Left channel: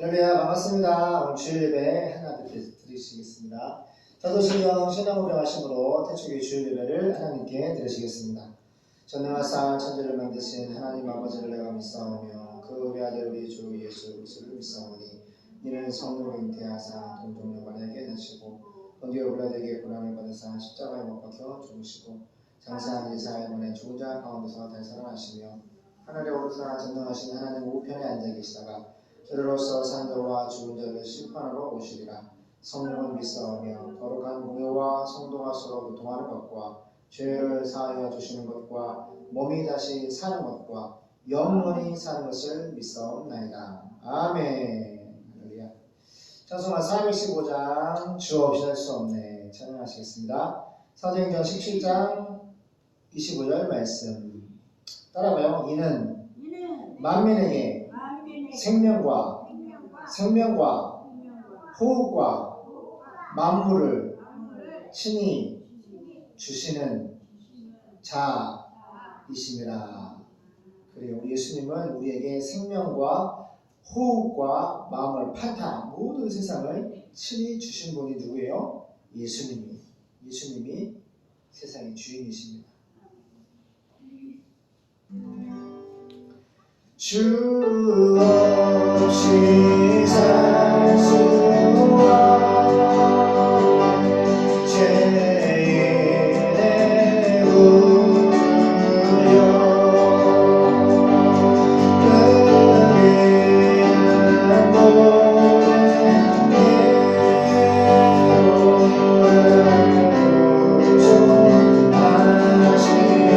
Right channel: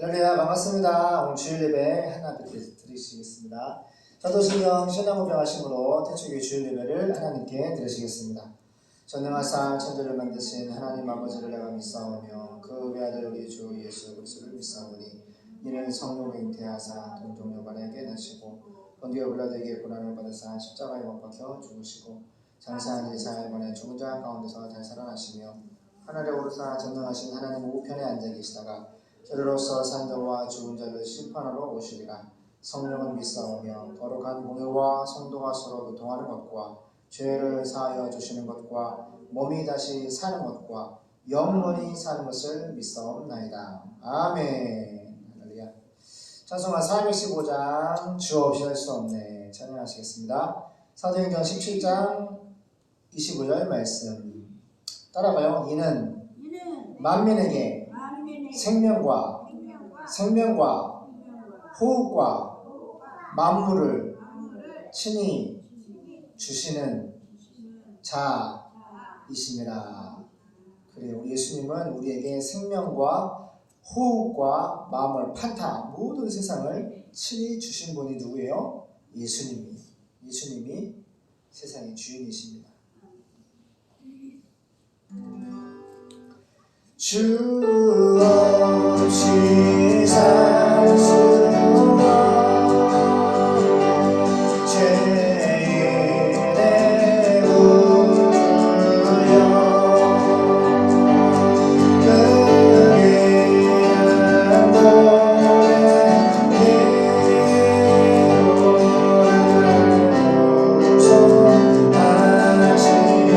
할렐루야, 반갑습니다. 오늘 주일 예배 하나님께 드리시겠습니다. 저도신령 신앙후병하심으로 태초기 주일 예배를 하나님께 드리시겠습니다. 전능하사 천지를 만드신 하나님 아버지를 내가 믿사오며 그 외아들 우리 주 예수 그리스도를 믿사오니 이는 성령을 잉태하사 동정여관에게 나시고 본디오 빌라도에게 고난을 받으사 십자가에 못 박혀 죽으시고 장사한 이 사흘만에 죽은 자 가운데서 다시 살아나시며 하늘에 오르사 전능하신 하나님 우편에 앉아 계시다가 저리로서 산 자와 죽은 자를 심판하러 오시리라. 성령을 믿사오며 거룩한 공회와 성도가 서로 교통하는 것과 죄를 사하여 주시는 것과 몸이 다시 사는 것과 영원히 사는 것을 믿사옵나이다. 아멘. 할렐루야. 찬송가 415장 주 없이 할 수 없네 찬양하시겠습니다. 사도행전 17장 25절 말씀 따라가요. 이는 만민에게 생명과 호흡과 만물을 친히 주시는 자이심이라. 그래요. 예수님은 우리에게 생명과 호흡과 마음을 판타 모든 세상을 친히 주신 분이 누구예요? 예수님이 세상의 주인이십니다. 주 없이 살 수 없네 죄인의 구주여 그리는 모든 예로를 구속하시니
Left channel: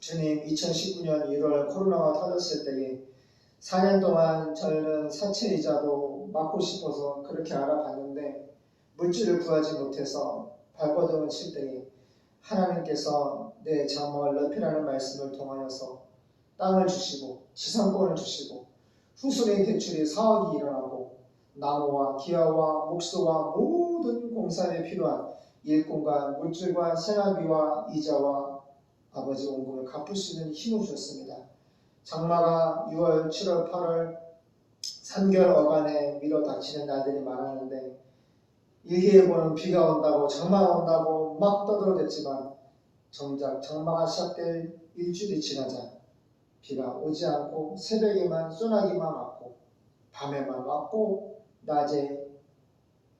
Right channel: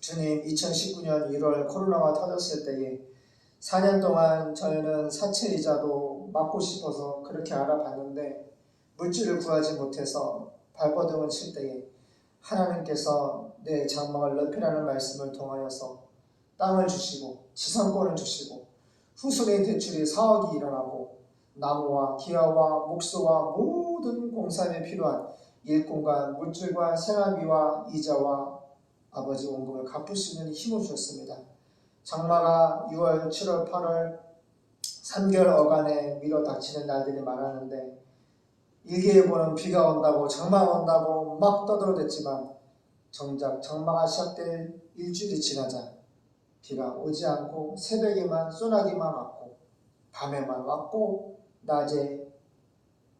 주님, 2019년 1월 코로나가 터졌을 때에 4년 동안 저희는 사채이자도 막고 싶어서 그렇게 알아봤는데 물질을 구하지 못해서 발버둥을 칠 때에 하나님께서 내 장막을 넓히라는 말씀을 통하여서 땅을 주시고 지상권을 주시고 후순위 대출이 4억이 일어나고 나무와 기아와 목수와 모든 공사에 필요한 일꾼과 물질과 생활비와 이자와 아버지 원금을 갚을 수 있는 힘을 주셨습니다. 장마가 6월, 7월, 8월 3개월 어간에 밀어 닥치는 날들이 많았는데 일기예보는 비가 온다고 장마가 온다고 막 떠들어댔지만 정작 장마가 시작될 일주일이 지나자 비가 오지 않고 새벽에만 소나기만 왔고 밤에만 왔고 낮에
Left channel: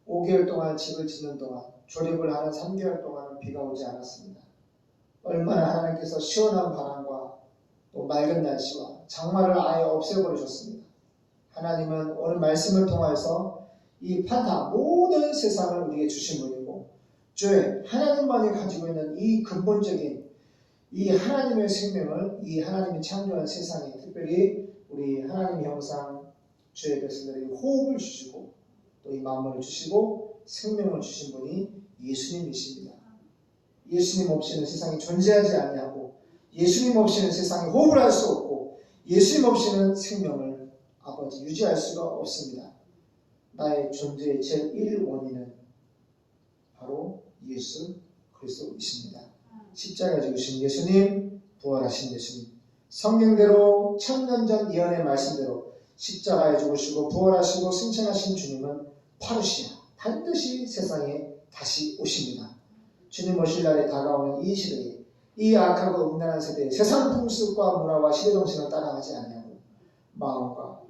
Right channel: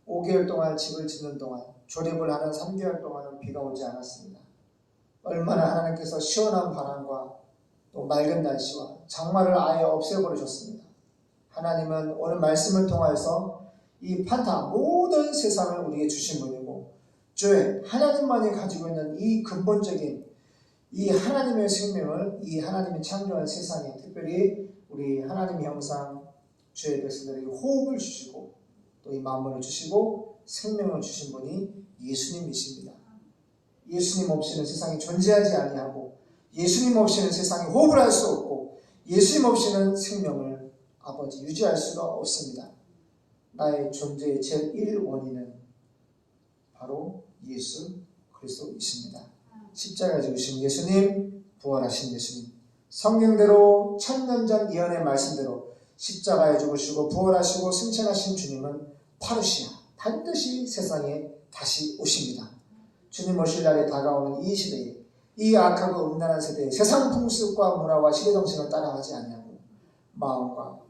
5개월 동안 집을 짓는 동안 조립을 하는 3개월 동안은 비가 오지 않았습니다. 얼마나 하나님께서 시원한 바람과 또 맑은 날씨와 장마를 아예 없애버리셨습니다. 하나님은 오늘 말씀을 통해서 이 판타 모든 세상을 우리에게 주신 분이고 주의 하나님만이 가지고 있는 이 근본적인 이 하나님의 생명을 이 하나님이 창조한 세상에 특별히 우리 하나님의 형상 주의 백성들에게 호흡을 주시고 또 이 만물을 주시고 생명을 주신 분이 예수님이십니다. 예수님 없이는 세상이 존재하지 아니하고 예수님 없이는 세상에 호흡을 할 수 없고 예수님 없이는 생명을 아버지 유지할 수가 없습니다. 나의 존재의 제일 원인은 바로 예수 그리스도이십니다. 십자가 지으신 예수님, 부활하신 예수님, 성경대로 천년 전 예언의 말씀대로 십자가에 죽으시고 부활하시고 승천하신 주님은 파루시아 반드시 세상에 다시 오십니다. 주님 오실 날에 다가오는 이 시대에 이 악하고 음란한 세대에 세상 풍습과 문화와 시대정신을 따라가지 않냐고 마음과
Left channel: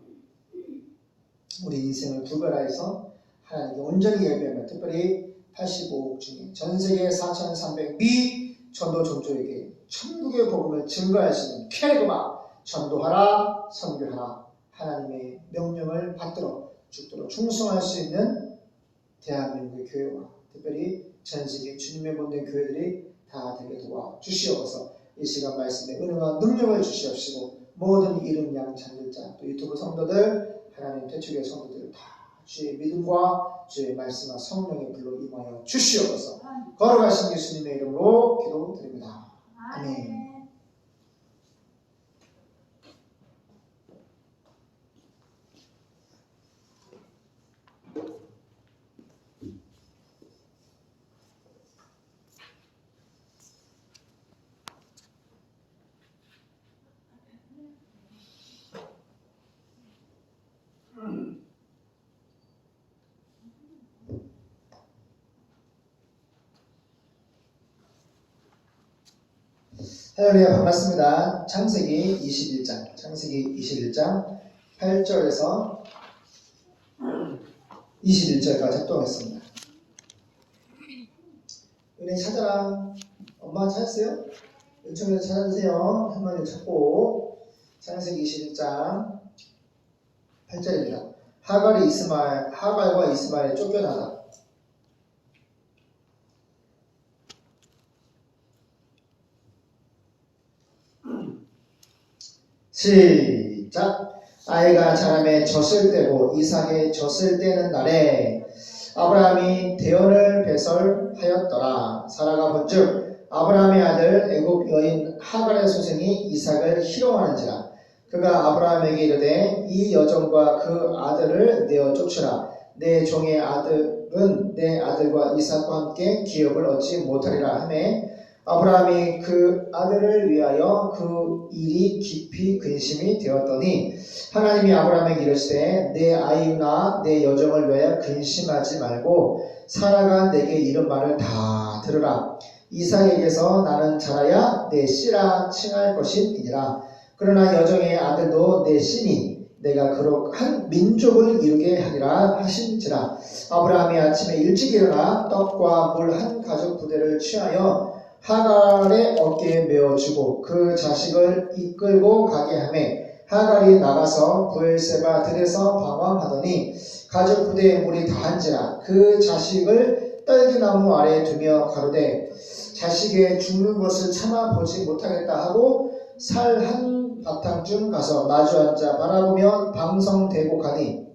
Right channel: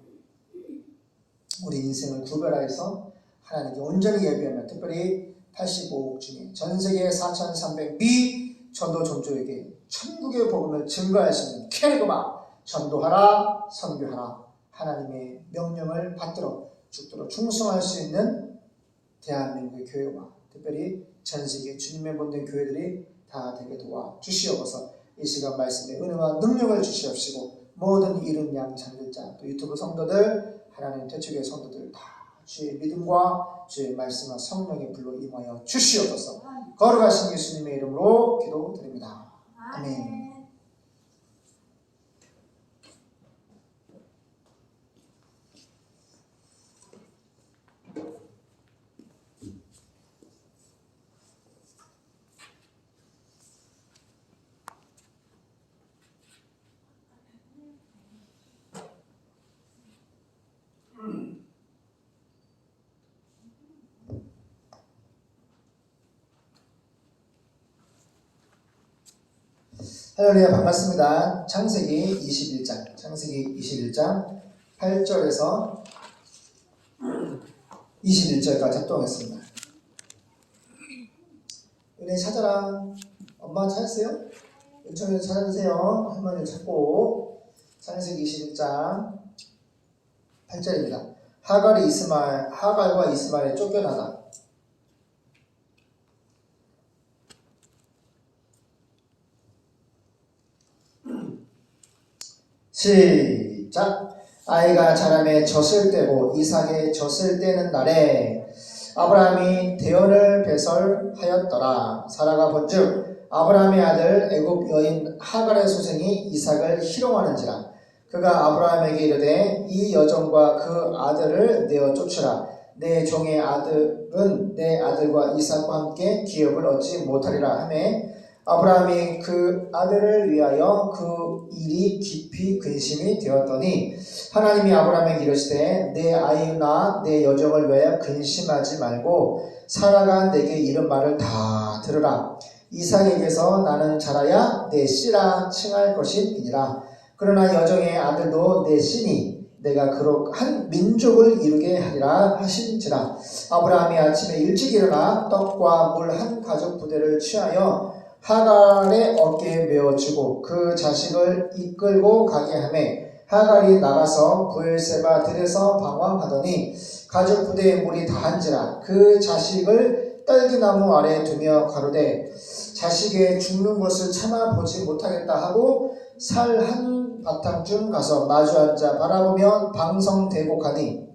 우리 인생을 구별하여서 하나님께 온전히 예배하며 특별히 85억 중에 전세계 4,300 미전도 종족에게 천국의 복음을 증거할 수 있는 캐리그마 전도하라 선교하라 하나님의 명령을 받도록 죽도록 충성할 수 있는 대한민국의 교회와 특별히 전세계 주님의 본된 교회들이 다 되게 도와주시옵소서. 이 시간 말씀에 은혜와 능력을 주시옵시고 모든 이름 양 참들자 또 유튜브 성도들 하나님 태초의 성도들 다 주의 믿음과 주의 말씀과 성령의 불로 임하여 주시옵소서. 걸어가신 예수님의 이름으로 기도드립니다. 아멘. 할렐루야 반갑습니다. 창세기 21장 8절에서 21절까지 합동했습니다. 은혜 찾아라. 엄마 찾았어요? 요청해서 찾아주세요. 할머니 찾고 창세기 21장 8절입니다. 하갈과 이스마엘 쫓겨나다. 시작. 아이가 자라매 젖을 떼고 이삭의 젖을 떼는 날에 아브라함이 대언을 배설하였더라. 사라가 본즉 아브라함의 아들 애굽 여인 하갈의 소생이 이삭을 희롱하는지라. 그가 아브라함에게 이르되 이 여종과 그 아들을 내어 쫓으라. 내 종의 아들은 내 아들과 이삭과 함께 기업을 얻지 못하리라 하매 아브라함이 그 아들을 위하여 그 일이 깊이 근심이 되었더니 하나님이 아브라함에게 이르시되 내 아이나 내 여종을 위하여 근심하지 말고 사라가 내게 이른 말을 다 들으라. 이삭에게서 나는 자라야 내 씨라 칭할 것이니라. 그러나 여종의 아들도 내 씨니 내가 그로 한 민족을 이루게 하리라 하신지라. 아브라함이 아침에 일찍 일어나 떡과 물 한 가죽 부대를 취하여 하갈의 어깨에 메어주고 그 자식을 이끌고 가게 하매 하갈이 나가서 브엘세바 들에서 방황하더니 가죽 부대에 물이 다한지라. 그 자식을 딸기나무 아래 두며 가로되 자식의 죽는 것을 참아 보지 못하겠다 하고 살 한 바탕쯤 가서 마주 앉아 바라보며 방성대고 가니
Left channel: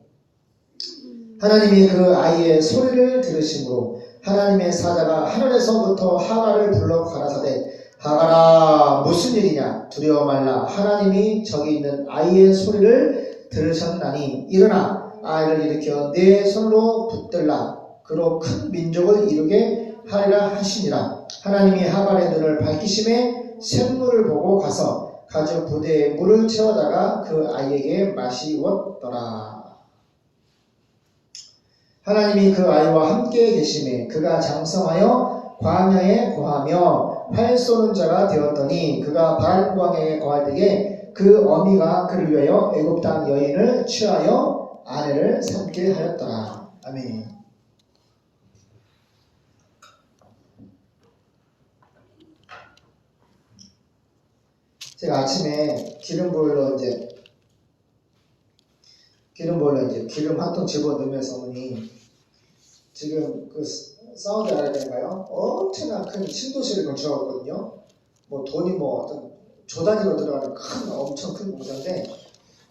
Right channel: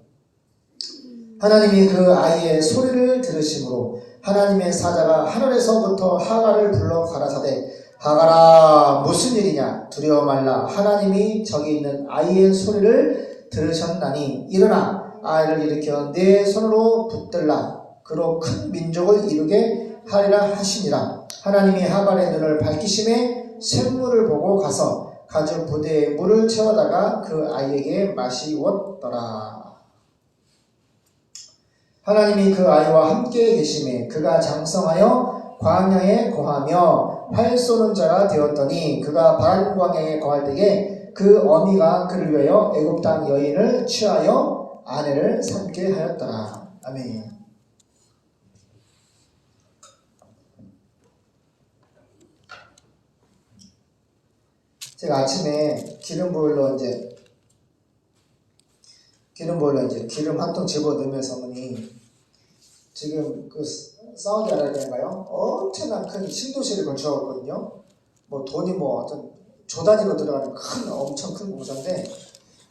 하나님이 그 아이의 소리를 들으심으로 하나님의 사자가 하늘에서부터 하갈을 불러 가라사대 하갈아 무슨 일이냐 두려워 말라. 하나님이 저기 있는 아이의 소리를 들으셨나니 일어나 아이를 일으켜 내 손으로 붙들라. 그로 큰 민족을 이루게 하리라 하시니라. 하나님이 하갈의 눈을 밝히심에 샘물을 보고 가서 가죽 부대에 물을 채워다가 그 아이에게 마시웠더라. 하나님이 그 아이와 함께 계심에 그가 장성하여 광야에 거하며 활 쏘는 자가 되었더니 그가 바란 광야에 거할 때에 그 어미가 그를 위하여 애굽 땅 여인을 취하여 아내를 삼게 하였더라. 아멘. 제가 아침에 기름 한 통 집어 넣으면서 어머니 지금 그 사우디아라비아인가요? 엄청난 큰 신도시를 건축하거든요. 뭐 돈이 뭐 어떤 조 단위로 들어가는 엄청 큰 공사인데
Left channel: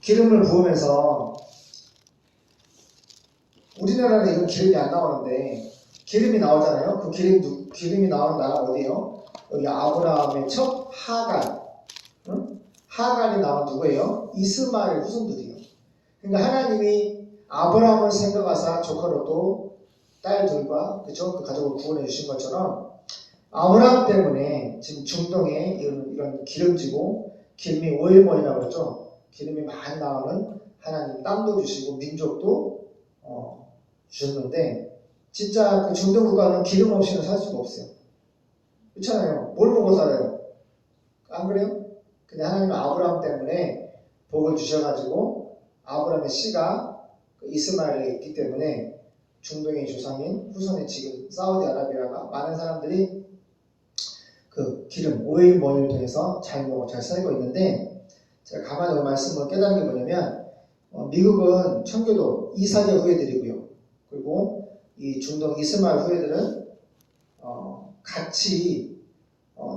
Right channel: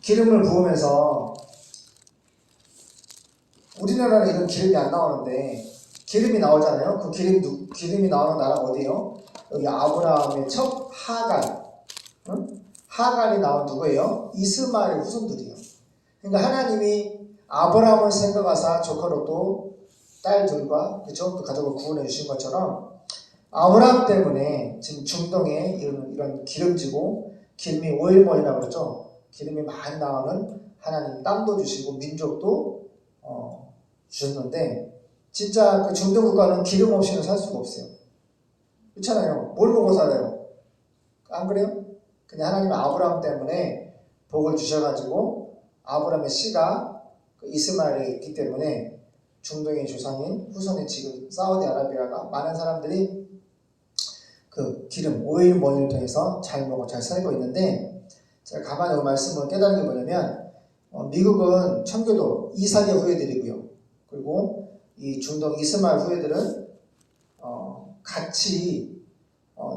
기름을 부으면서 우리나라는 이런 기름이 안 나오는데 기름이 나오잖아요. 그 기름이 나오는 나라 어디예요? 여기 아브라함의 첫 하갈. 응? 하갈이 나온 누구예요? 이스마엘 후손들이에요. 그러니까 하나님이 아브라함을 생각하사 조카로도 딸들과 그죠? 그 가족을 구원해 주신 것처럼 아브라함 때문에 지금 중동에 이런 기름지고 기름이 오일머리라고 그러죠. 기름이 많이 나오는 하나님 땅도 주시고 민족도 주셨는데 진짜 그 중동 국가는 기름 없이는 살 수가 없어요. 그렇잖아요. 뭘 먹고 살아요? 안 그래요? 근데 하나님은 아브라함 때문에 복을 주셔가지고 아브라함의 씨가 그 이스마엘에 있기 때문에 중동의 조상인 후손의 지금 사우디아라비아가 많은 사람들이 그 기름, 오일 머니를 통해서 잘 먹고 잘 살고 있는데, 제가 가만히 이 말씀을 깨닫는 게 뭐냐면 미국은 청교도 이삭의 후예들이고요. 그리고 이 중동 이스마엘 후예들은 같이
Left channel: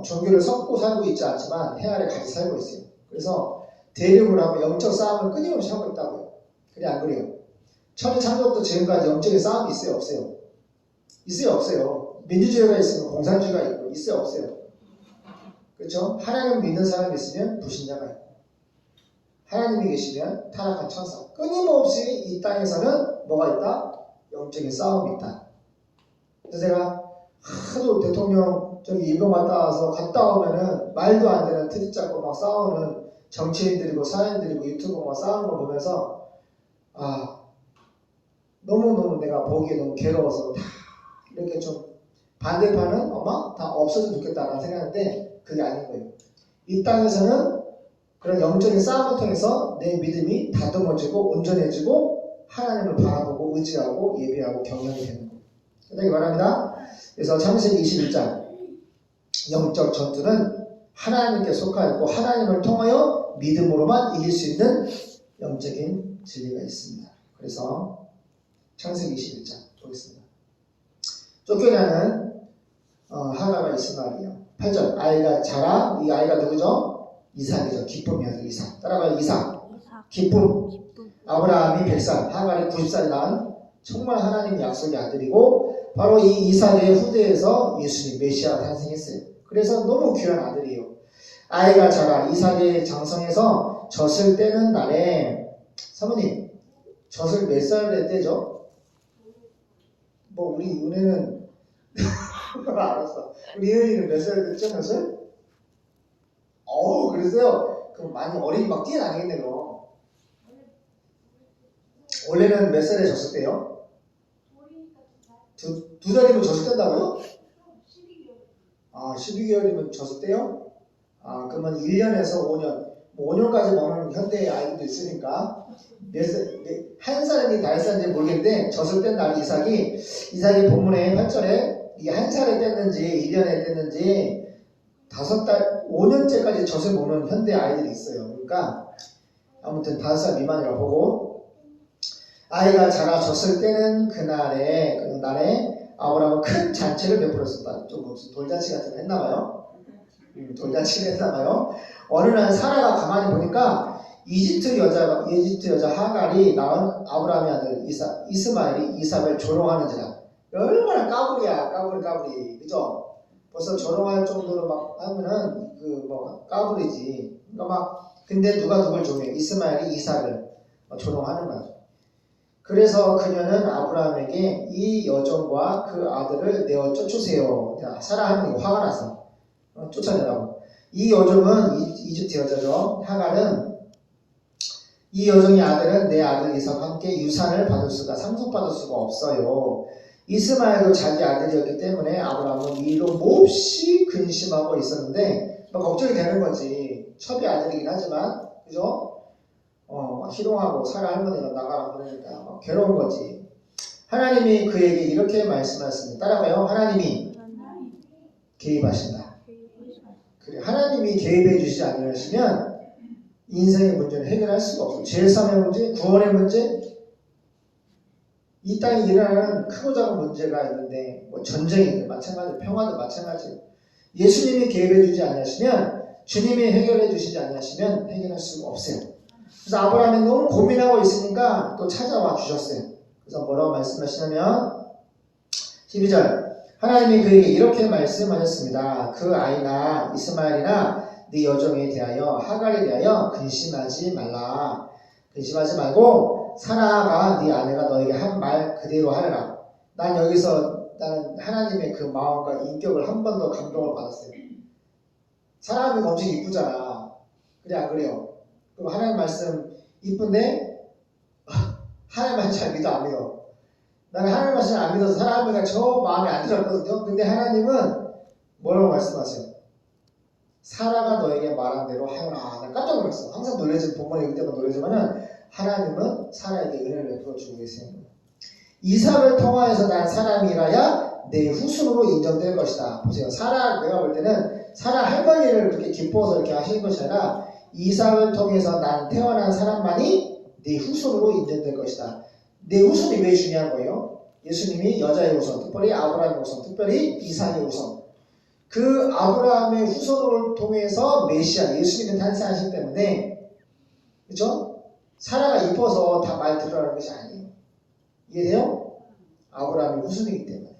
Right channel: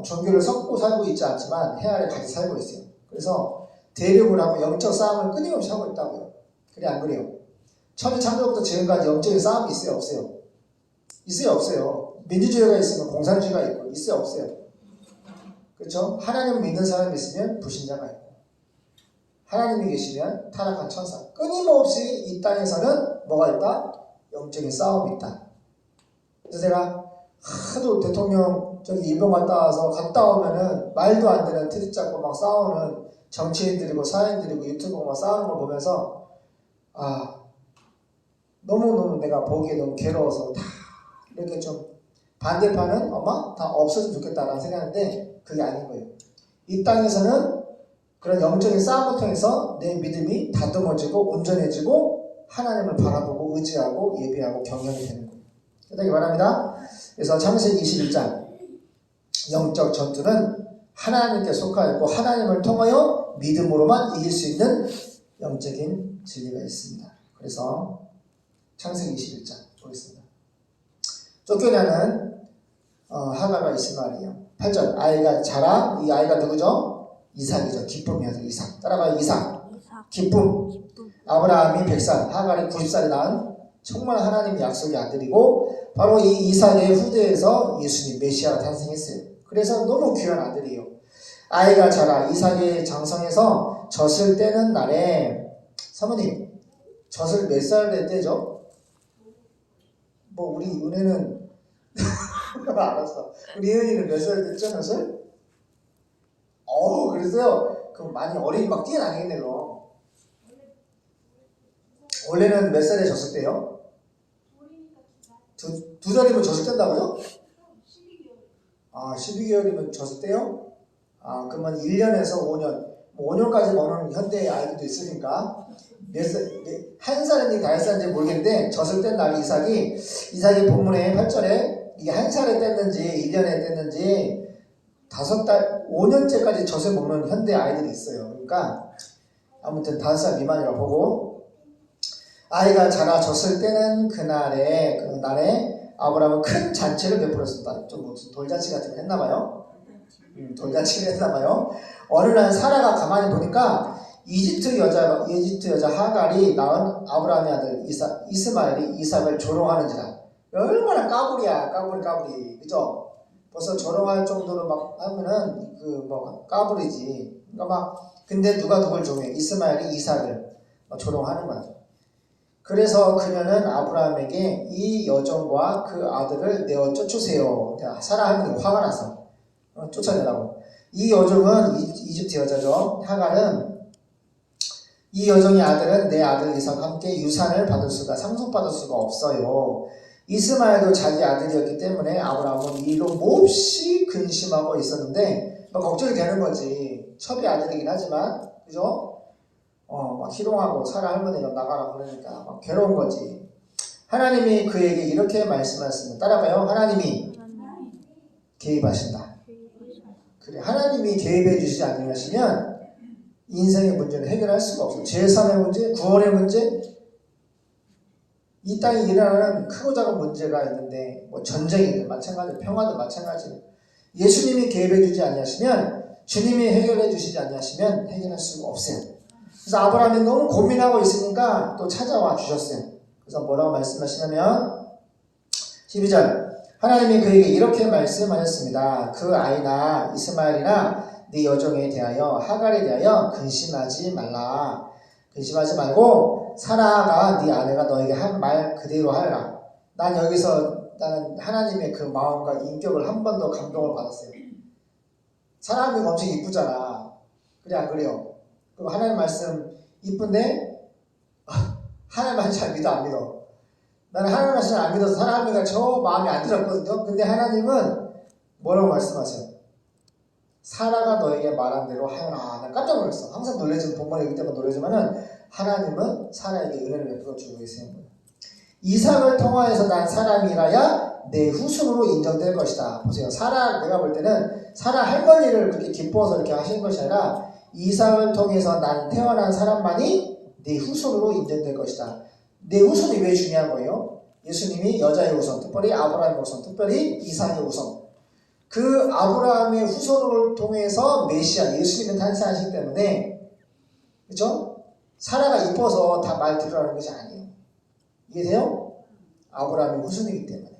종교를 섞고 살고 있지 않지만 해 아래 같이 살고 있어요. 그래서 대립을 하고 영적 싸움을 끊임없이 하고 있다고요. 그래 안 그래요? 천지 창조부터 지금까지 영적인 싸움이 있어요 없어요? 있어요 없어요? 민주주의가 있으면 공산주의가 있고 있어요 없어요? 그렇죠? 하나님을 믿는 사람이 있으면 불신자가 있고 하나님이 계시면 타락한 천사. 끊임없이 이 땅에서는 뭐가 있다? 영적인 싸움이 있다. 그래서 제가 하도 대통령 저기 일본 갔다 와서 갔다 오면은 말도 안 되는 트집 잡고 막 싸우는 정치인들이고 사회인들이고 유튜브 막 싸우는 거 보면서 너무너무 내가 보기에 너무 괴로워서 다 이렇게 좀 반대파는 다 없어졌으면 좋겠다라는 생각인데 그게 아닌 거예요. 이 땅에서는 그런 영적인 싸움을 통해서 내 믿음이 다듬어지고 온전해지고 하나님을 바라보고 의지하고 예배하고 경영이 되는 거예요. 그렇게 말합니다. 그래서 창세기 21장 영적 전투는 하나님께 속하였고 하나님을 통하여 믿음으로만 이길 수 있는 영적인 진리가 있습니다. 그래서 창세기 21장 보겠습니다. 쫓겨나는 하가가 이스마엘이에요. 8절 아이가 자라. 이 아이가 누구죠? 이삭이죠. 기쁨이 아들 이삭. 따라가요. 이삭. 기쁨. 아브라함이 100살, 하갈이 90살이 낳은 정말 하나님의 약속의 아들이고 바로 이 이삭의 후대에서 예수님 메시아가 탄생했어요. 그래서 너무 귀한 아들이에요. 아이가 자라 이삭의 장성에서 젖을 떼는 날에 사모님 젖을 몇 살에 떼죠? 뭐 우리 은혜는 알았어. 우리 은혜는 몇 살에 떼죠 젖을? 그랬어요. 그럼 많이 어린 막 뛰어다니겠네 너. 원래는 몇 살에 젖을 떼요? 두 살이면 젖을 뗀다고요? 12개월이면 젖을 떼요? 그러면 1년에서 5년, 뭐 5년까지 먹는 현대의 아이들도 있으니까 한 살인지 5살인지 모르겠는데 젖을 뗀 날이 이삭이 본문에 8절에 이게 한 살에 뗐는지 1년에 뗐는지 5달, 5년째까지 젖을 먹는 현대 아이들이 있어요. 그러니까 아무튼 5살 미만이라고 보고 아이가 자라 젖을 떼는 그날에 아브라함은 큰 잔치를 베풀었었다. 좀 무슨 돌잔치 같은 거 했나봐요. 돌잔치를 했나봐요. 어느 날 사라가 가만히 보니까 이집트 여자 하갈이 낳은 아브라함의 아들 이스마엘이 이삭을 조롱하는지라. 얼마나 까불이야. 까불이. 그죠? 벌써 조롱할 정도로 막 하면은 까불이지. 그러니까 근데 누가 누굴 조롱해? 이스마엘이 이삭을 조롱하는 거죠. 그래서 그녀는 아브라함에게 이 여종과 그 아들을 내어 쫓으세요. 사라 하면 화가 나서 쫓아내라고. 이 여종은 이집트 여자죠. 하갈은 이 여종의 아들은 내 아들 이삭과 함께 유산을 상속받을 수가 없어요. 이스마엘도 자기 아들이었기 때문에 아브라함은 이로 몹시 근심하고 있었는데 걱정이 되는 거지. 첩의 아들이긴 하지만 그죠? 막 희롱하고 사라 할머니가 나가라 그러니까 막 괴로운 거지. 하나님이 그에게 이렇게 말씀하셨습니다. 따라가요. 하나님이 개입하신다. 그래, 하나님이 개입해 주시지 않으시면 인생의 문제는 해결할 수가 없어. 제3의 문제, 구원의 문제, 이 땅에 일어나는 크고 작은 문제가 있는데 뭐 전쟁이든 마찬가지, 평화든 마찬가지. 예수님이 개입해 주지 않으시면 주님이 해결해 주시지 않으시면 해결할 수가 없어요. 그래서 아브라함이 너무 고민하고 있으니까 또 찾아와 주셨어요. 그래서 뭐라고 말씀하시냐면 12절 하나님이 그에게 이렇게 말씀하셨습니다. 그 아이나 이스마엘이나 네 여종에 대하여 하갈에 대하여 근심하지 말라. 근심하지 말고 사라가 네 아내가 너에게 한 말 그대로 하라. 나는 하나님의 그 마음과 인격을 한 번 더 감동을 받았어요. 사람이 엄청 이쁘잖아. 그래 안 그래요? 그럼 하나님 말씀 이쁜데 하나님 말씀 잘 믿어 안 믿어? 나는 하나님 말씀을 안 믿어서 사랑하니까 저 마음에 안 들었거든요. 근데 하나님은 뭐라고 말씀하세요? 사라가 너에게 말한 대로 하여라. 난 깜짝 놀랐어. 항상 놀라지만 본문에 읽을 때만 놀라지만은 하나님은 사라에게 은혜를 베풀어주고 계세요. 이삭을 통하여서 난 사람이라야 내 후손으로 인정될 것이다. 보세요. 사라, 내가 볼 때는 사라 할머니를 그렇게 기뻐서 이렇게 하시는 것이 아니라 이삭을 통해서 난 태어난 사람만이 내 후손으로 인정될 것이다. 내 후손이 왜 중요한 거예요? 예수님이 여자의 후손, 특별히 아브라함의 후손, 특별히 이삭의 후손. 그 아브라함의 후손을 통해서 메시아, 예수님이 탄생하시기 때문에, 그죠? 사라가 이뻐서 다 말 들으라는 것이 아니에요. 이해돼요? 아브라함의 후손이기 때문에.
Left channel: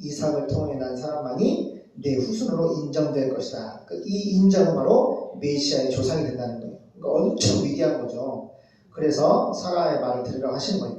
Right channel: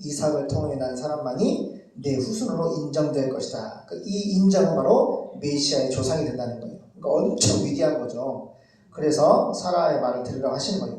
이삭을 통해 난 사람만이 내 후손으로 인정될 것이다. 이 인정은 바로 메시아의 조상이 된다는 거예요. 그러니까 엄청 위대한 거죠. 그래서 사라의 말을 들으라고 하시는 거예요.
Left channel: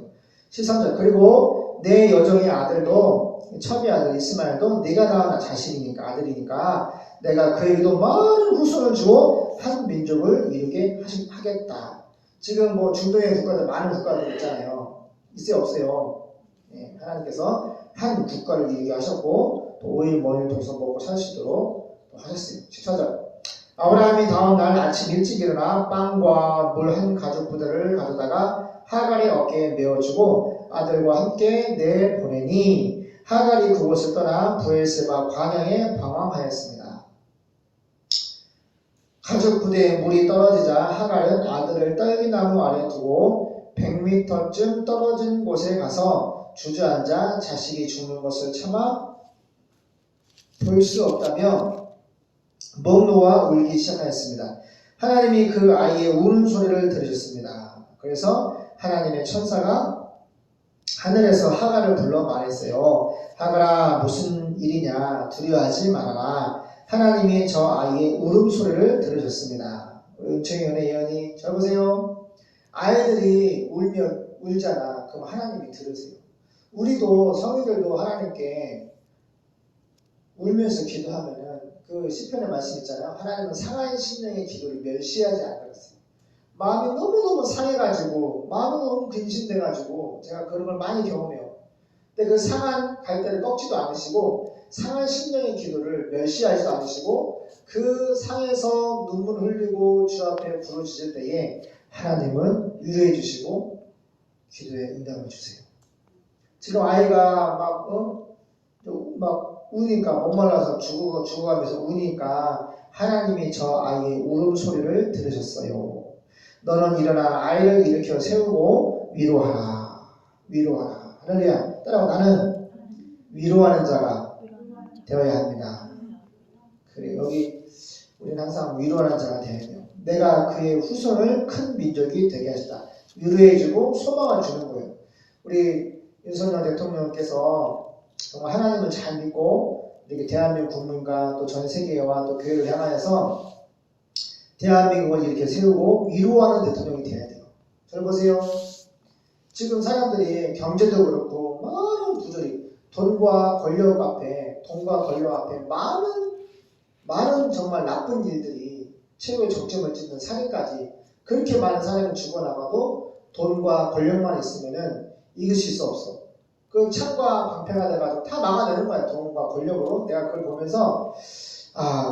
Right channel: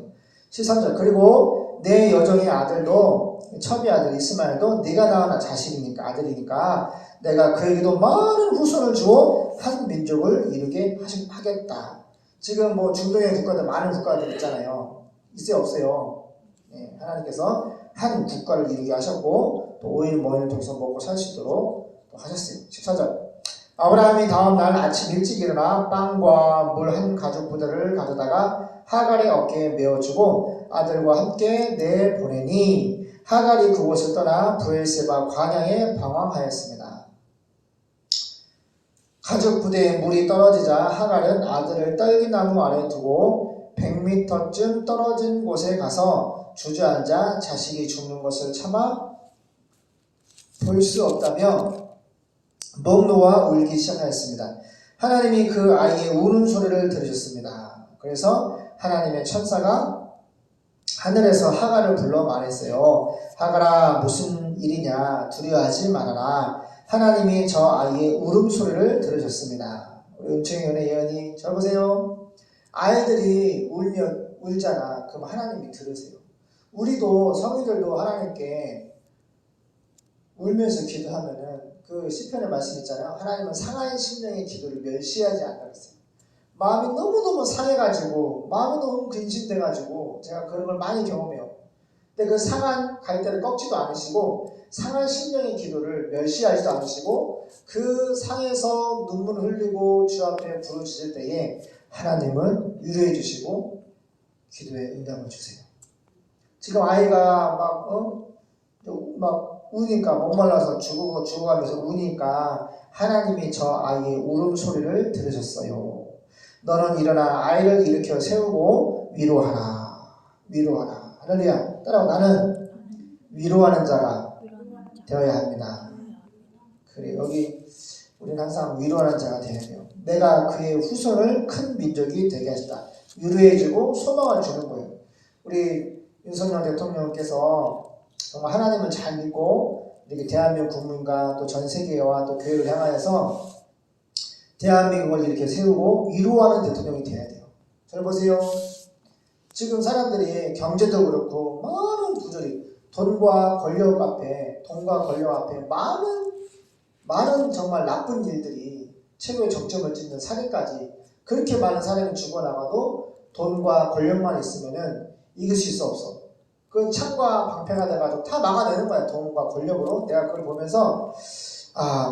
13절. 그리고 내 여종의 아들도 첩의 아들 이스마엘도 네가 낳은 자식이니까 아들이니까 내가 그에게도 많은 후손을 주어 한 민족을 이루게 하겠다. 지금 뭐 중동의 국가들 많은 국가들 있잖아요. 있어요 없어요? 네, 하나님께서 한 국가를 이루게 하셨고 또 5일 뭐일 동서 먹고 살 수 있도록 또 하셨어요. 14절. 아브라함이 다음날 아침 일찍 일어나 빵과 물 한 가죽 부대를 가져다가 하갈의 어깨에 메어주고 아들과 함께 내보내니 하갈이 그곳을 떠나 브엘세바 광야에 방황하였습니다. 가죽 부대에 물이 떨어지자 하갈은 아들을 떨기나무 아래 두고 100m쯤 떨어진 곳에 가서 주저앉아 자식이 죽는 것을 참아 볼 수 없다며 목 놓아 울기 시작하였습니다. 하나님이 그 아이의 우는 소리를 들으셨습니다. 그래서 하나님의 천사가 하늘에서 하갈을 불러 말했어요. 하갈아 무슨 일이냐 두려워하지 말아라. 하나님이 저 아이의 울음소리를 들으셨습니다. 우리 은총이은의 예언이 잘 보세요. 아이들이 울잖아. 그럼 하나님이 들으세요. 우리도 성인들도 하나님께 울면서 기도하면은 그 시편의 말씀 있잖아요. 하나님은 상한 심령의 기도를 멸시하지 않는다 그랬어요. 마음이 너무너무 상해가지고 마음이 너무 근심돼가지고 제가 그런 걸 많이 경험해요. 근데 그 상한 갈대를 꺾지도 않으시고 상한 심령의 기도를 멸시하지도 않으시고 그 상에서 눈물을 흘리고 주 앞에 부르짖을 때에 하나님은 위로해 주시고 기도에 응답을 주세요. 지금 아이가 막 우니까 목말라서 죽어가면서 우니까 하나님이 저 아이의 울음소리를 들으셨어요. 너는 일어나 아이를 일으켜 세우고 위로하라. 위로하라. 할렐루야. 따라오. 나는 위로하는 자가 되어야 합니다. 그래 여기 우리는 항상 위로하는 자가 되어야 돼요. 내가 그의 후손을 큰 민족이 되게 하시다. 위로해주고 소망을 주는 거예요. 우리 윤석열 대통령께서 정말 하나님을 잘 믿고 이렇게 대한민국 국민과 또 전 세계와 또 교회를 향하여서 대한민국을 이렇게 세우고 위로하는 대통령이 돼야 돼요. 잘 보세요. 지금 사람들이 경제도 그렇고 많은 부조리, 돈과 권력 앞에 많은 정말 나쁜 일들이 최고의 정점을 찍는 살인까지 그렇게 많은 사람이 죽어나가도 돈과 권력만 있으면은 이길 수 없어. 그 창과 방패가 돼가지고 다 막아내는 거야. 돈과 권력으로. 내가 그걸 보면서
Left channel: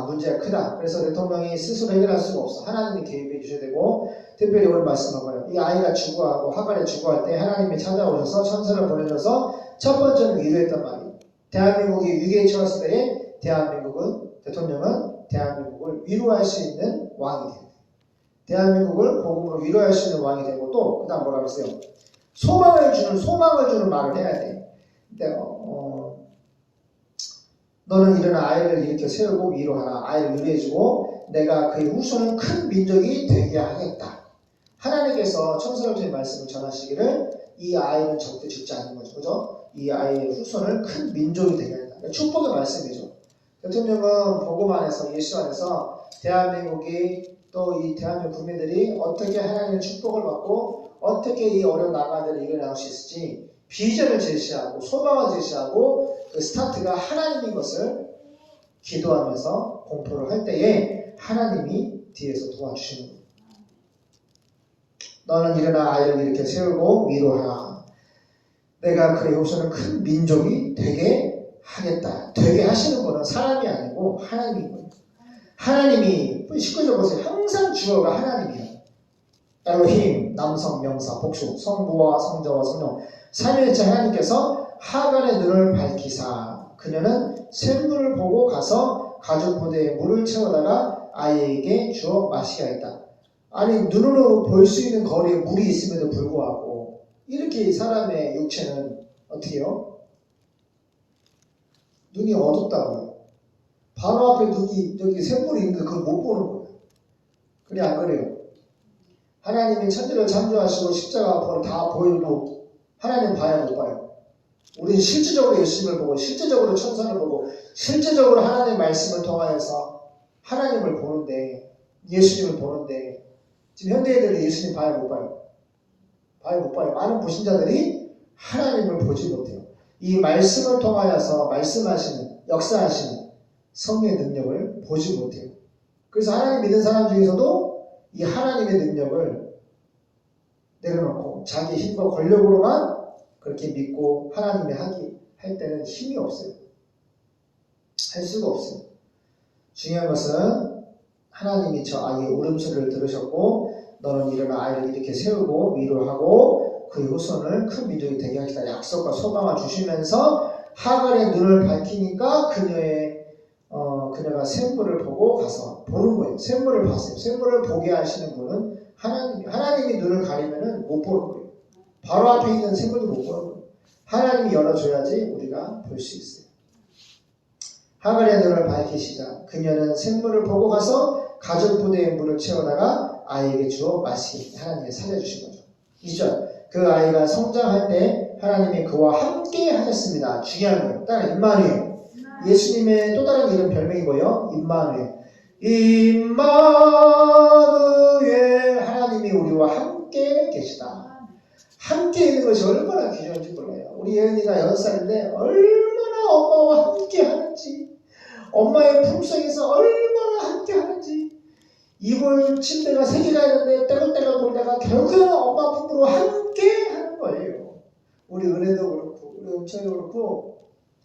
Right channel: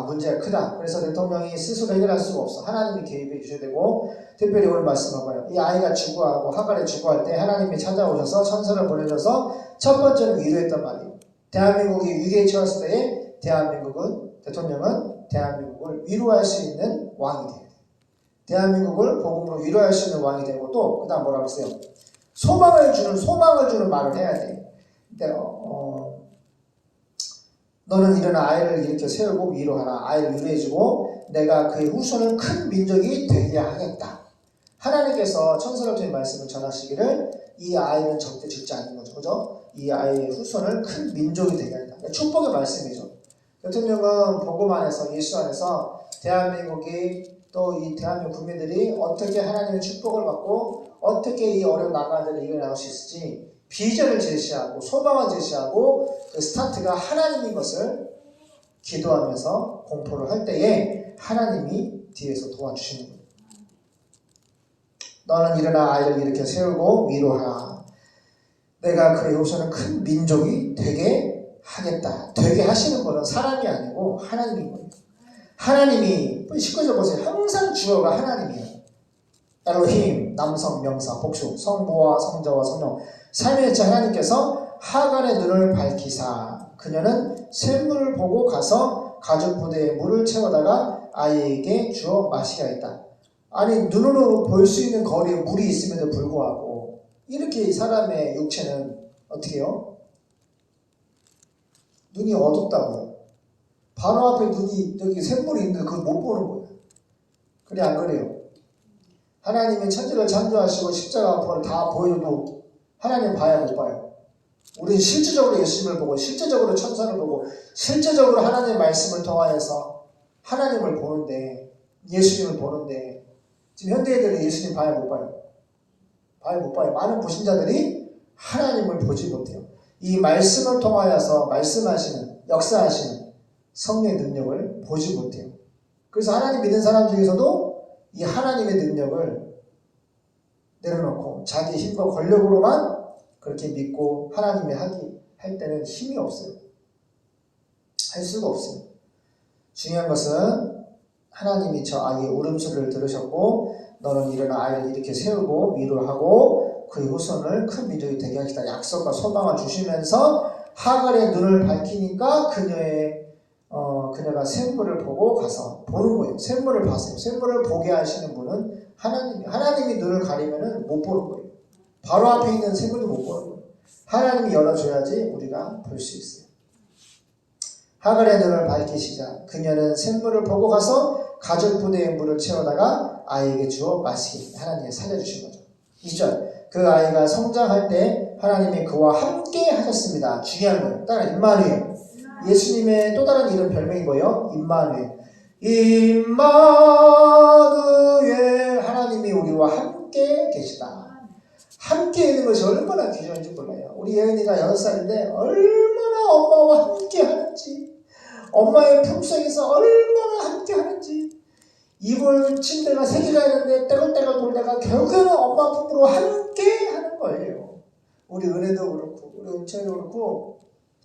문제가 크다. 그래서 대통령이 스스로 해결할 수가 없어. 하나님이 개입해 주셔야 되고 특별히 오늘 말씀하고요. 이 아이가 죽어하고 하갈이 죽어할 때 하나님이 찾아오셔서 천사를 보내줘서 첫 번째는 위로했단 말이에요. 대한민국이 위기에 처했을 때에 대통령은 대한민국을 위로할 수 있는 왕이 돼요. 대한민국을 복음으로 위로할 수 있는 왕이 되고 또 그다음 뭐라고 했어요? 소망을 주는 말을 해야 돼. 너는 일어나 아이를 일으켜 세우고 위로하라. 아이를 위로해주고 내가 그의 후손을 큰 민족이 되게 하겠다. 하나님께서 천사를 통해 말씀을 전하시기를 이 아이는 절대 죽지 않는 거죠. 그죠? 이 아이의 후손을 큰 민족이 되게 하겠다. 그러니까 축복의 말씀이죠. 대통령은 복음 안에서 예수 안에서 대한민국이 또 이 대한민국 국민들이 어떻게 하나님의 축복을 받고 어떻게 이 어려운 난관들을 이겨나갈 수 있을지 비전을 제시하고 소망을 제시하고 그 스타트가 하나님인 것을 기도하면서 공포를 할 때에 하나님이 뒤에서 도와주시는 거예요. 너는 일어나 아이를 일으켜 세우고 위로하라. 내가 그의 후손을 큰 민족이 되게 하겠다. 되게 하시는 분은 사람이 아니고 하나님이거든요. 하나님이 19절 보세요. 항상 주어가 하나님이에요. 엘로힘, 남성, 명사, 복수, 성부와 성자와 성령 삼위일체 하나님께서 하갈의 눈을 밝히사 그녀는 샘물을 보고 가서 가죽 부대에 물을 채워다가 아이에게 주어 마시게 하였다. 아니 눈으로 볼 수 있는 거리에 물이 있음에도 불구하고 이렇게 사람의 육체는 어떻게 해요? 눈이 어둡다고요. 바로 앞에 눈이 여기 샘물이 있는데 그걸 못 보는 거예요. 그래 안 그래요? 하나님이 천지를 창조하시고 십자가 아파를 다 보여도 하나님 봐야 못 봐요. 우리는 실질적으로 예수님을 보고 실질적으로 천사를 보고 실질적으로 하나님의 말씀을 통하여서 하나님을 보는데 예수님을 보는데 지금 현대인들이 예수님 봐야 못 봐요. 봐야 못 봐요. 많은 불신자들이 하나님을 보지 못해요. 이 말씀을 통하여서 말씀하시는 역사하시는 성령의 능력을 보지 못해요. 그래서 하나님 믿는 사람 중에서도 이 하나님의 능력을 내려놓고 자기 힘과 권력으로만 그렇게 믿고 하나님이 할 때는 힘이 없어요. 할 수가 없어요. 중요한 것은 하나님이 저 아이의 울음소리를 들으셨고 너는 일어나 아이를 이렇게 세우고 위로하고 그의 후손을 큰 민족이 되게 하시다 약속과 소망을 주시면서 하갈의 눈을 밝히니까 그녀가 샘물을 보고 가서 보는 거예요. 샘물을 봤어요. 샘물을 보게 하시는 분은 하나님이 눈을 가리면은 못 보는 거예요. 바로 앞에 있는 샘물도 못 보는 거예요. 하나님이 열어줘야지 우리가 볼 수 있어요. 하갈의 눈을 밝히시자 그녀는 샘물을 보고 가서 가죽 부대에 물을 채우다가 아이에게 주어 마시게 하나님이 살려주신 거죠. 2절 그 아이가 성장할 때 하나님이 그와 함께 하셨습니다. 중요한 거예요. 따라 임마누엘 예수님의 또 다른 이름 별명이 뭐예요? 임마누엘. 임마누엘 하나님이 우리와 함께 계시다. 함께 있는 것이 얼마나 귀중한지 몰라요. 우리 예은이가 6살인데 얼마나 엄마와 함께 하는지 엄마의 품속에서 얼마나 함께 하는지 이불 침대가 3개가 있는데 떼굴떼굴 돌다가 결국에는 엄마 품으로 함께 하는 거예요. 우리 은혜도 그렇고 우리 은총이도 그렇고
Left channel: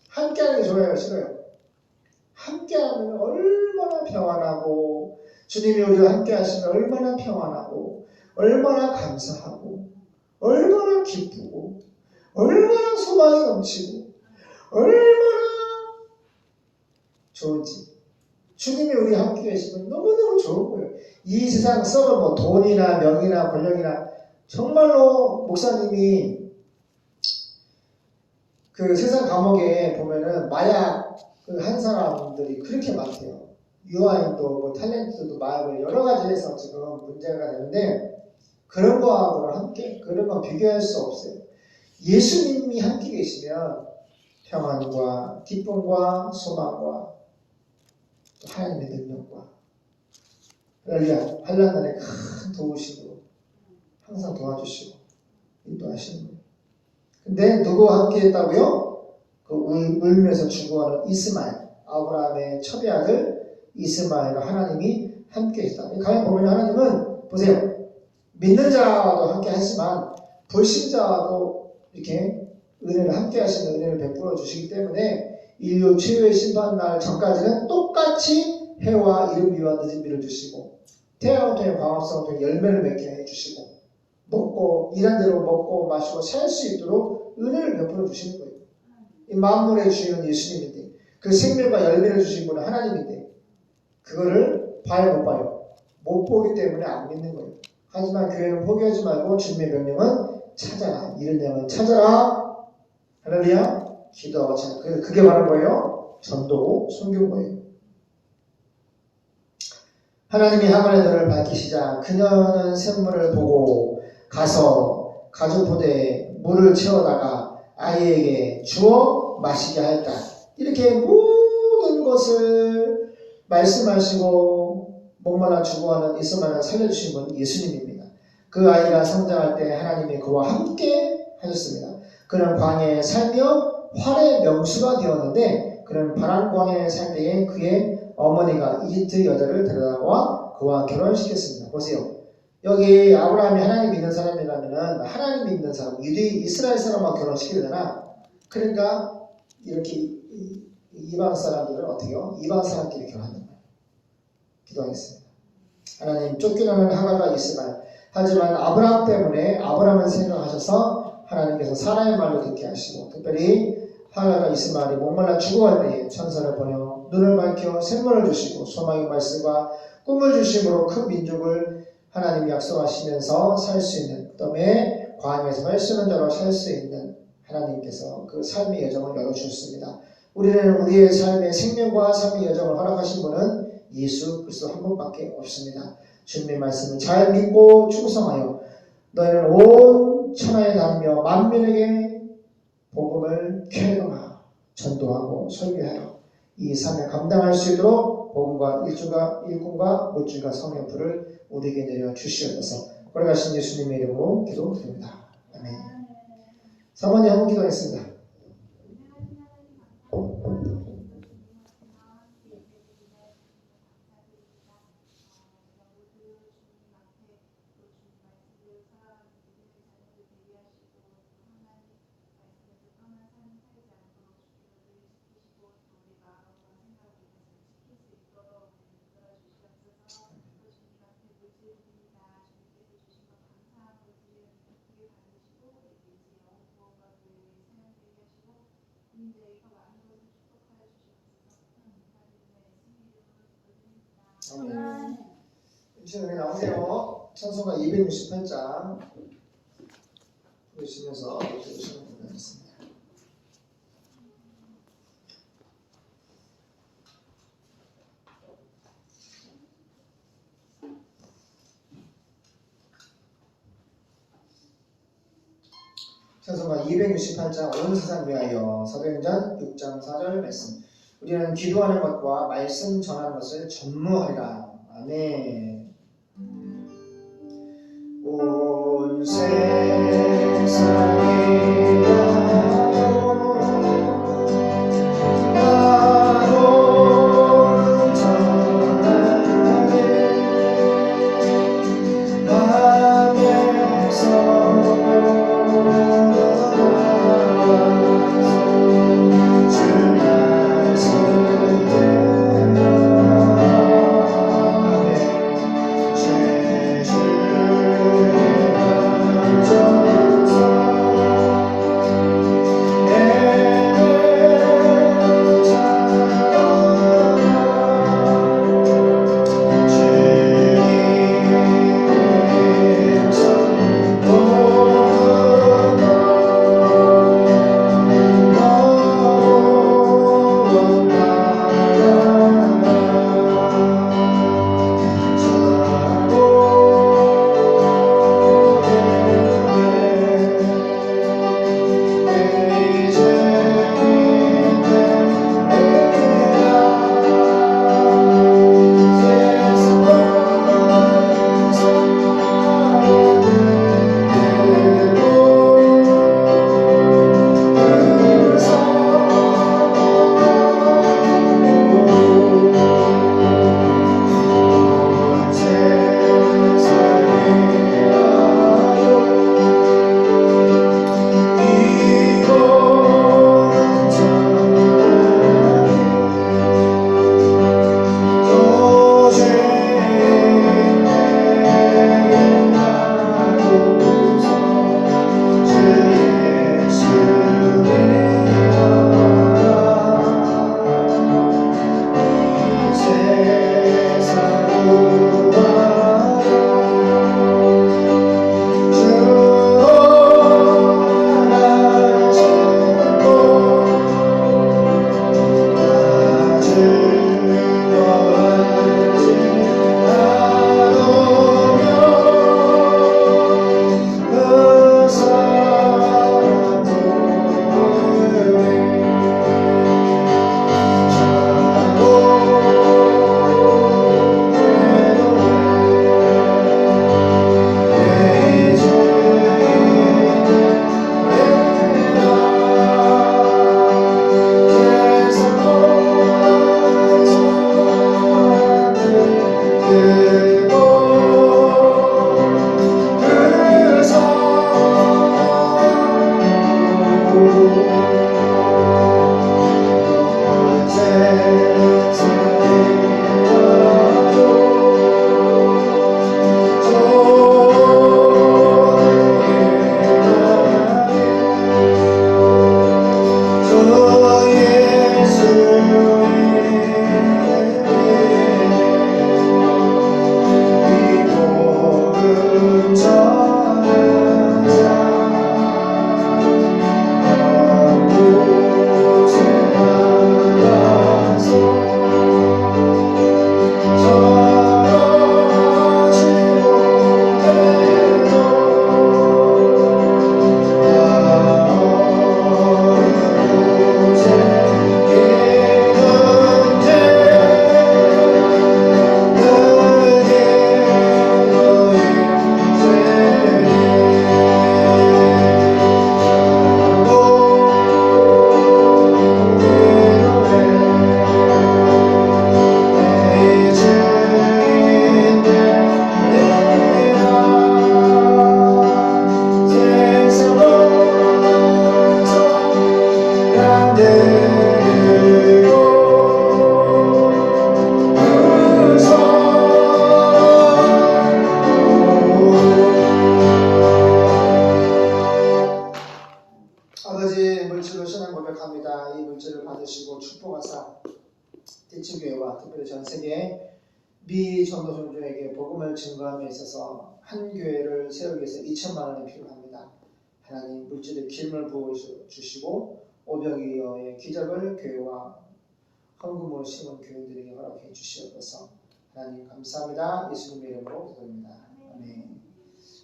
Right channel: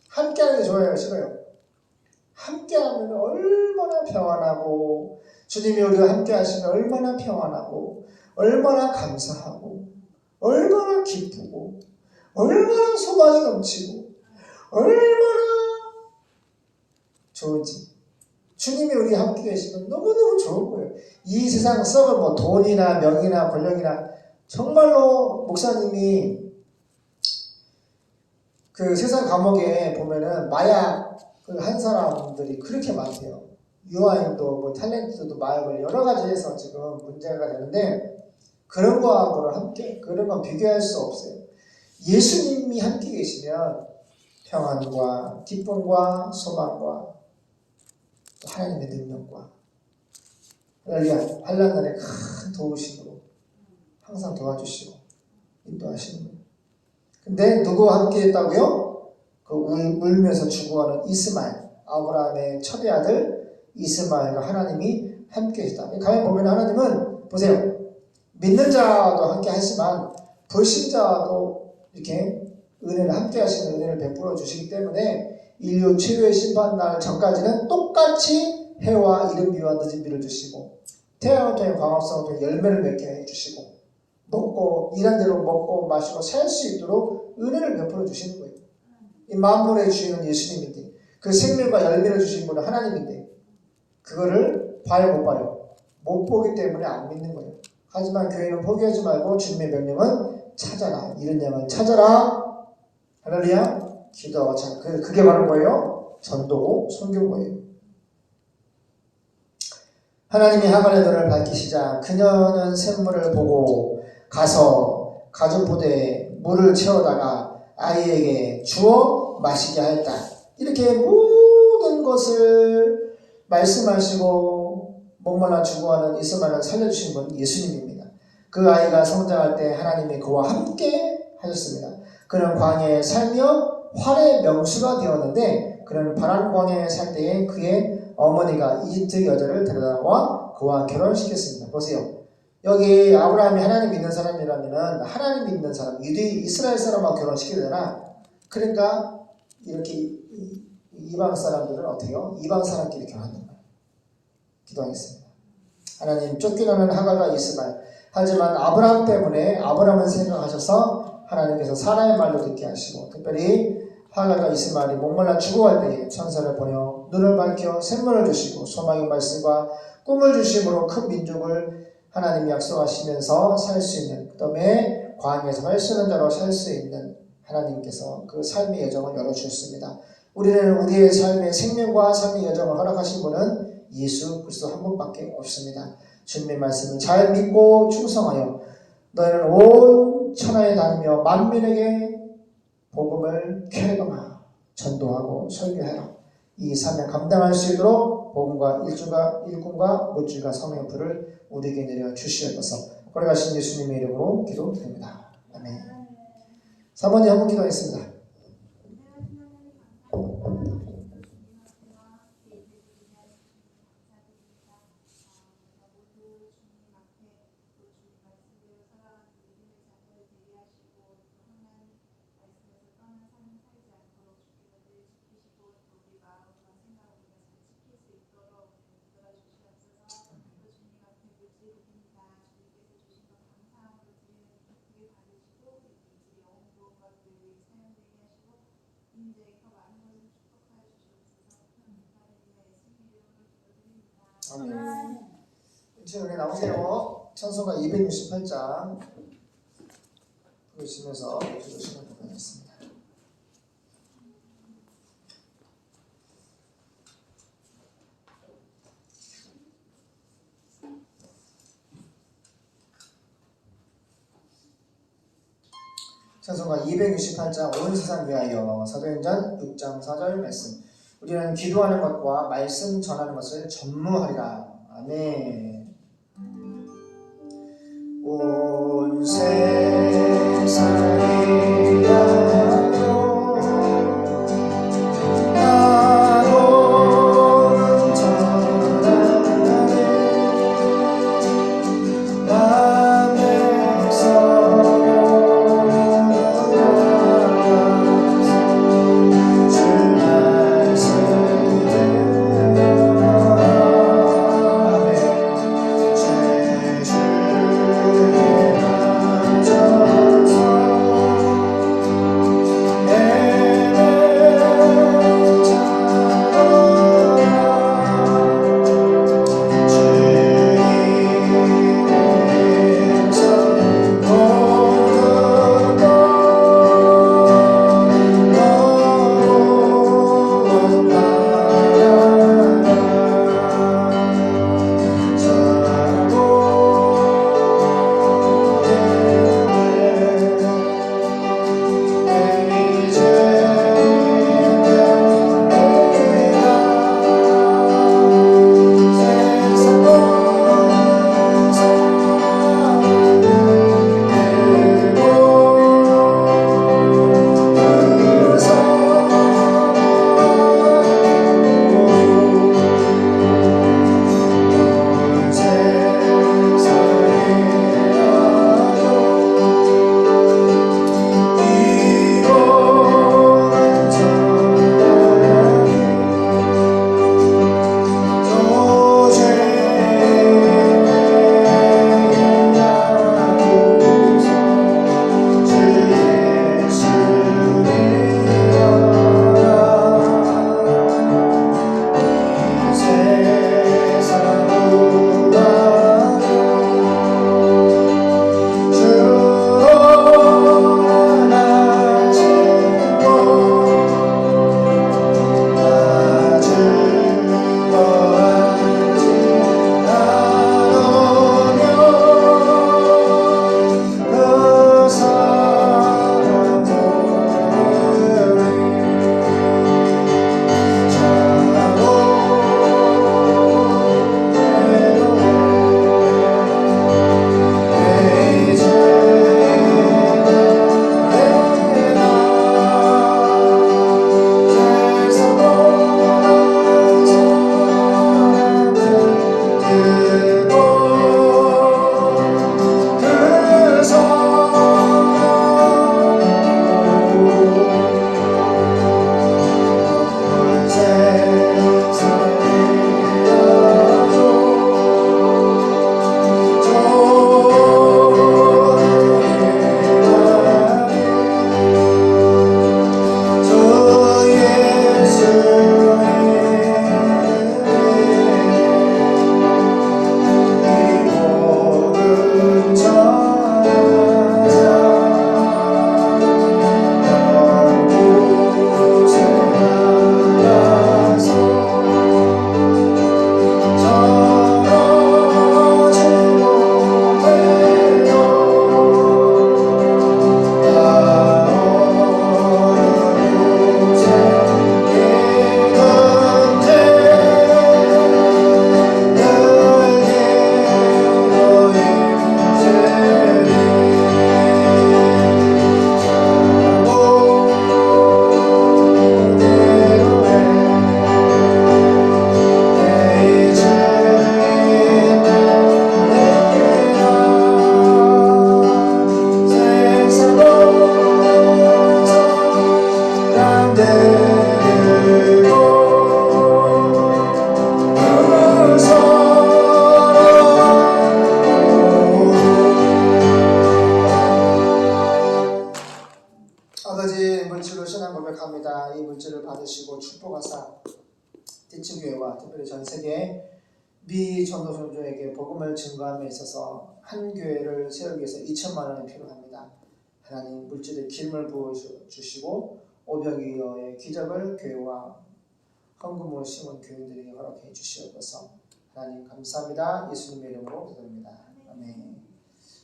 함께 하는 게 좋아요? 싫어요? 함께 하면 얼마나 평안하고 주님이 우리와 함께 하시면 얼마나 평안하고 얼마나 감사하고 얼마나 기쁘고 얼마나 소망이 넘치고 얼마나 좋은지 주님이 우리 함께 계시면 너무너무 좋은 거예요. 이 세상 썩은 뭐 돈이나 명이나 권력이나 정말로 목사님이 그 세상 감옥에 보면은 마약 한 사람들이 그렇게 많대요. 유아인도 뭐 탤런트도 마약을 여러 가지 해서 지금 문제가 되는데 그런 거하고는 함께 그런 건 비교할 수 없어요. 예수님이 함께 계시면 평안과 기쁨과 소망과 하나님의 능력과 할렐루야 환난 날에 큰 도우심으로 항상 도와주시고 인도하시는 거예요. 근데 누구와 함께 했다고요? 그 울면서 죽어가는 이스마엘 아브라함의 첫째 아들 이스마엘과 하나님이 함께 했다. 가만 보면 하나님은 보세요. 믿는 자도 함께 하지만 불신자도 이렇게 은혜를 함께 하시는 은혜를 베풀어 주시기 때문에 인류 최후의 심판날 전까지는 똑같이 해와 이른비와 늦은비를 주시고 태양을 통해 광합성을 통해 열매를 맺게 해주시고 먹고 일한 대로 먹고 마시고 살 수 있도록 은혜를 베풀어 주시는 거예요. 이 만물의 주인은 예수님인데 그 생명과 열매를 주신 분은 하나님인데 그거를 봐요 못 봐요? 못 보기 때문에 안 믿는 거예요. 하지만 교회는 포기하지 말고 주님의 명령은 찾아라. 이런 내용을 찾아라. 할렐루야. 기도하고 찾아. 그게 바로 뭐예요? 전도고 선교고예요. 하나님이 하갈의 눈을 밝히시자 그녀는 샘물을 보고 가서 가죽 부대에 물을 채워다가 아이에게 주어 마시게 하였다. 이렇게 모든 것을 말씀하시고 목마나 죽어가는 이스마엘을 살려주신 분 예수님입니다. 그 아이가 성장할 때 하나님이 그와 함께 하셨습니다. 그는 광야에 살며 활의 명수가 되었는데 그는 바란 광야에 살 때에 그의 어머니가 이집트 여자를 데려다와 그와 결혼시켰습니다. 보세요. 여기 아브라함이 하나님 믿는 사람이라면은 하나님 믿는 사람, 이스라엘 사람하고 결혼시켜야 되나? 그러니까 이렇게 이방 사람들은 어떻게요? 이방 사람끼리 결혼한단 말이에요. 기도하겠습니다. 하나님 쫓겨나는 하갈과 이스마엘. 하지만 아브라함 때문에 아브라함을 생각하셔서 하나님께서 사라의 말로 듣게 하시고 특별히 하갈과 이스마엘이 목말라 죽어갈 때에 천사를 보내 눈을 밝혀 샘물을 주시고 소망의 말씀과 꿈을 주심으로 큰 민족을 하나님이 약속하시면서 살 수 있는 그다음에 광야에서 활수는 자로 살 수 있는 하나님께서 그 삶의 여정을 열어주셨습니다. 우리는 우리의 삶의 생명과 삶의 여정을 허락하신 분은 예수 그리스도 한 분밖에 없습니다. 주님의 말씀을 잘 믿고 충성하여 너희는 온 천하에 다니며 만민에게 복음을 쾌거나 전도하고 설교하여 이 사명 감당할 수 있도록 복음과 일꾼과 물질과 성령의 불을 우리에게 내려 주시옵소서. 걸어가신 예수님의 이름으로 기도드립니다. 아멘. 3번에 한번 기도하겠습니다. 아멘. 은혜 나오세요. 찬송가 268장 보시면서 기도하시면 되겠습니다. 찬송가 268장 온 세상 위하여 사도행전 6장 4절 말씀. 우리는 기도하는 것과 말씀 전하는 것을 전무하리라. 아멘. 온 세상에 받으시고 축복하사 대치교회와 특별히 전 세계 미전도 종교에게 복음을 증거함에 있어서 한 교회를 세우기 위해서 2천만 원이 필요합니다. 하나님 물질의 기름을 부어주시고 500여의 기적을 교회와 헌금으로 심은 교인들에게 허락해 주시옵소서. 하나님 감사합니다. 예수님의 이름으로 기도합니다. 아멘.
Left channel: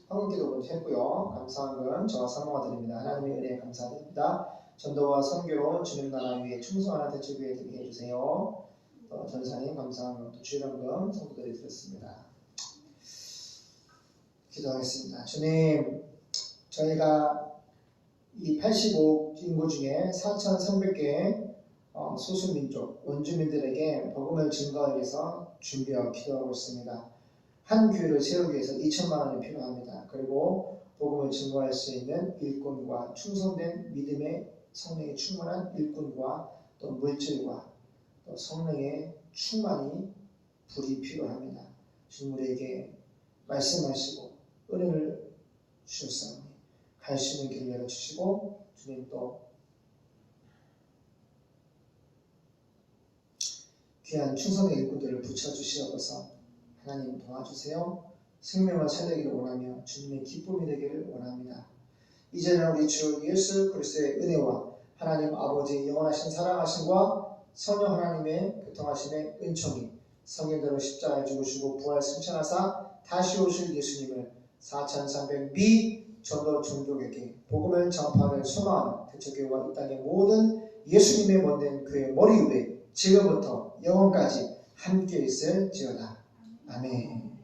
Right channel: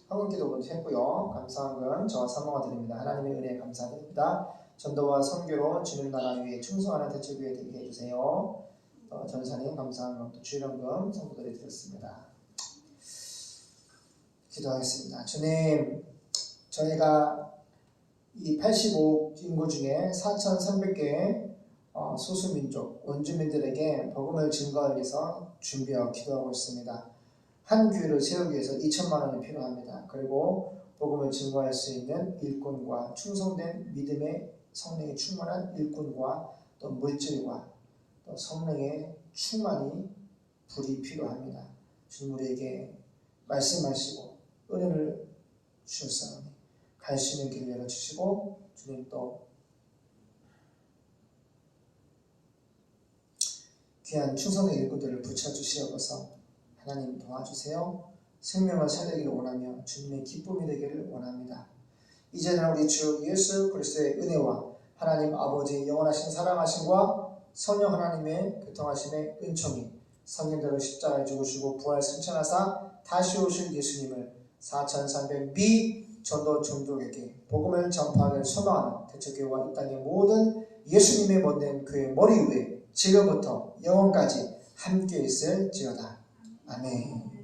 헌금 기도 먼저 했고요. 감사한 건 저와 사모가 드립니다. 하나님의 은혜에 감사드립니다. 전도와 선교로 주님 나라 위에 충성하는 대책위에 되게 해주세요. 전사님 감사한 것도 주일헌금 성도들이 드렸습니다. 기도하겠습니다. 주님, 저희가 이 85억 인구 중에 4,300개의 소수민족, 원주민들에게 복음을 증거하기 위해서 준비하고 기도하고 있습니다. 한 교회를 세우기 위해서 2천만 원이 필요합니다. 그리고 복음을 증거할 수 있는 일꾼과 충성된 믿음의 성령이 충만한 일꾼과 또 물질과 또 성령의 충만이 불이 필요합니다. 주님 우리에게 말씀하시고 은혜를 주셨사오니 갈 수 있는 길 열어주시고 주님 또 귀한 충성의 일꾼들을 붙여주시옵소서. 하나님 도와주세요. 생명을 살리기를 원하며 주님의 기쁨이 되기를 원합니다. 이제는 우리 주 예수 그리스도의 은혜와 하나님 아버지의 영원하신 사랑하심과 성령 하나님의 교통하심의 은총이 성인들을 십자가에 죽으시고 부활 승천하사 다시 오실 예수님을 4,300 미전도 종족에게 복음을 전파하는 소망하는 대처교회와 이 땅의 모든 예수님의 못된 그의 머리 위에 지금부터 영원까지 함께 있을지어다. 아멘.